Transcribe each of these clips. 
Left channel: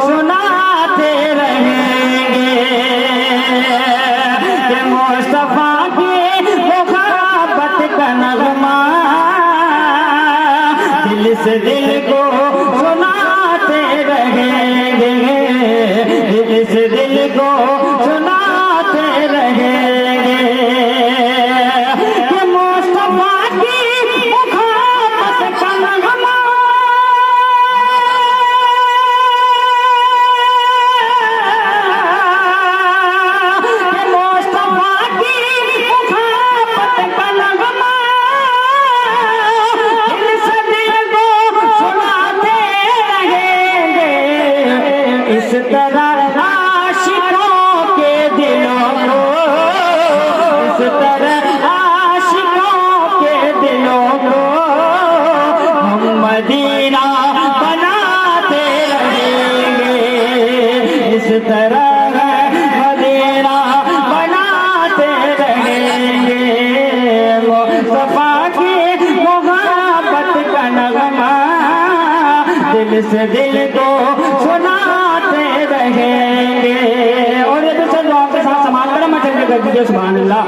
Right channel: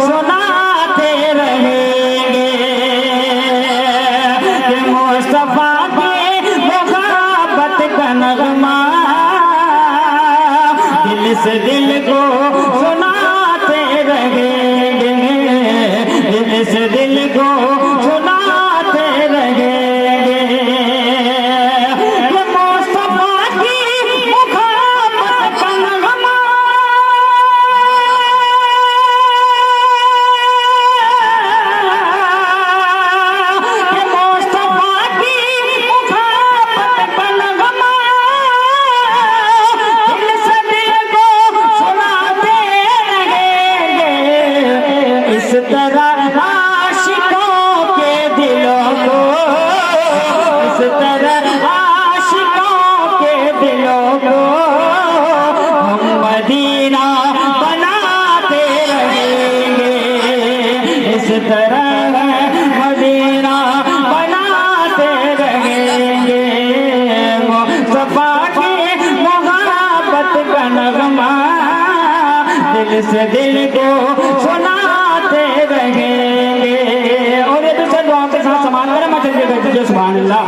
सुनाते रहेंगे। मुस्तफा की मोहब्बत का नगमा दिल से दिल को सुनाते रहेंगे, दिल से दिल को सुनाते रहेंगे। मुस्तफा की मोहब्बत का नगमा इस तरह आशिकों के दिलों को, इस तरह आशिकों के दिलों को हम मदीना बनाते रहेंगे। इस तरह मदीना बनाते रहेंगे। मुस्तफा की मोहब्बत का नगमा दिल से दिल को सुनाते रहेंगे। और ये दूसरे दुआ के साथ समान करें, मैं चल के बैठ दीजिए। सुभान अल्लाह।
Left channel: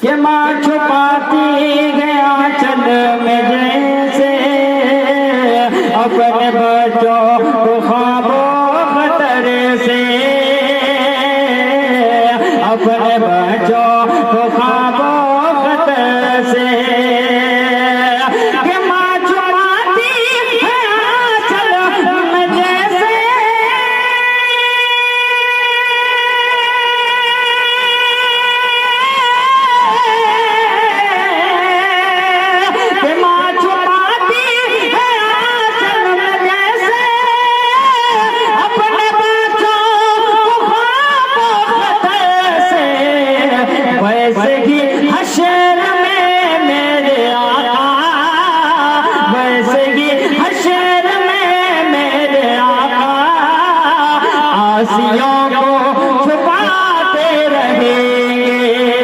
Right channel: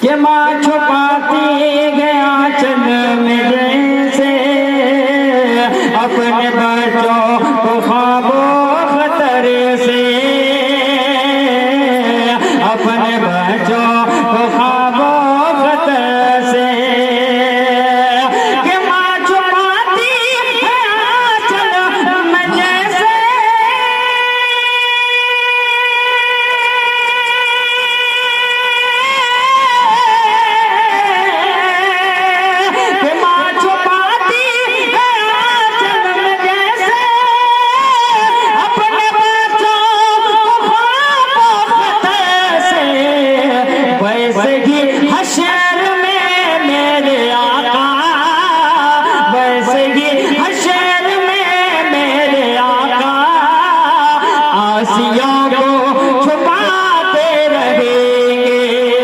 कि माँ छुपाती गया चल में जैसे अपने बच्चों को ख्वाबों खतर से, अपने बच्चों को ख्वाबों खतर से। कि माँ छुपाती गया चल में जैसे आसियों को छुपाते रहेंगे।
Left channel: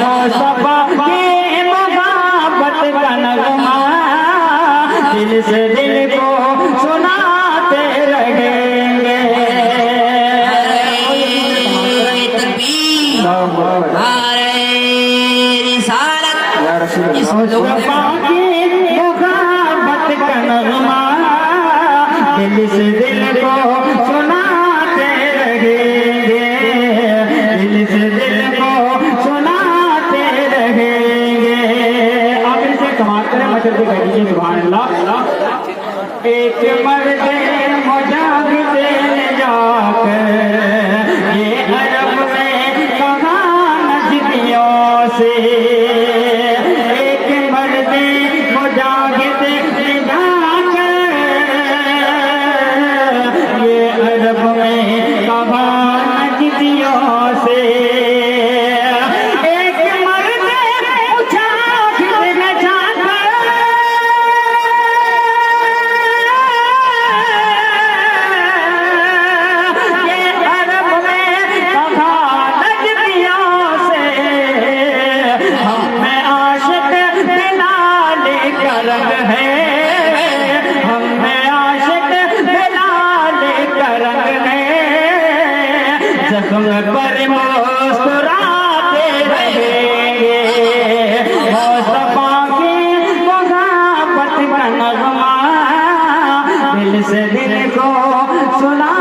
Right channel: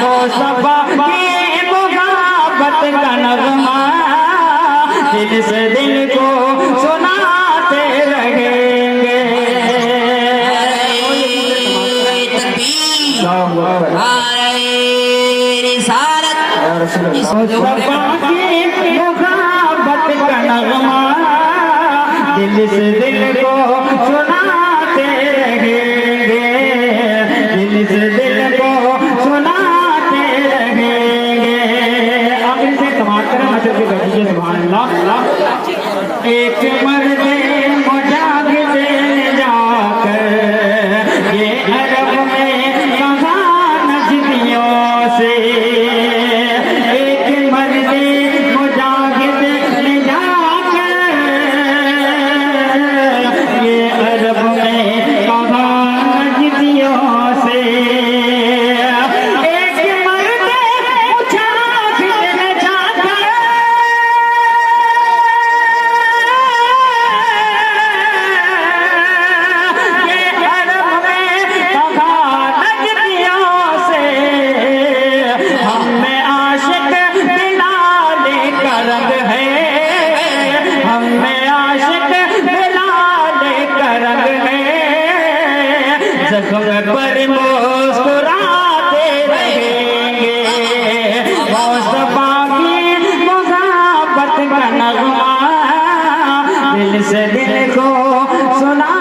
मुस्तफा की मोहब्बत का नगमा दिल से दिल को सुनाते रहेंगे। मुस्तफा की मोहब्बत का नगमा दिल से दिल को सुनाते रहेंगे, दिल से दिल को सुनाते रहेंगे। आप इनसे कमाल करें, मतलब के बैठिए। सुभान अल्लाह। एक मर्द मुजाहिद जाकर ये अरब में कहा नजदियों से, एक मर्द मुजाहिद जाकर ये अरब में कहा नजदियों से। एक मर्द मुजाहिद जाकर ये अरब में कहा नजदियों से। हम में आशिक बिलाल का रंग है, हम में आशिक बिलाल का रंग है। ज़ख्म पर मुस्कुराते रहेंगे। मुस्तफा की मोहब्बत का नगमा दिल से दिल को सुना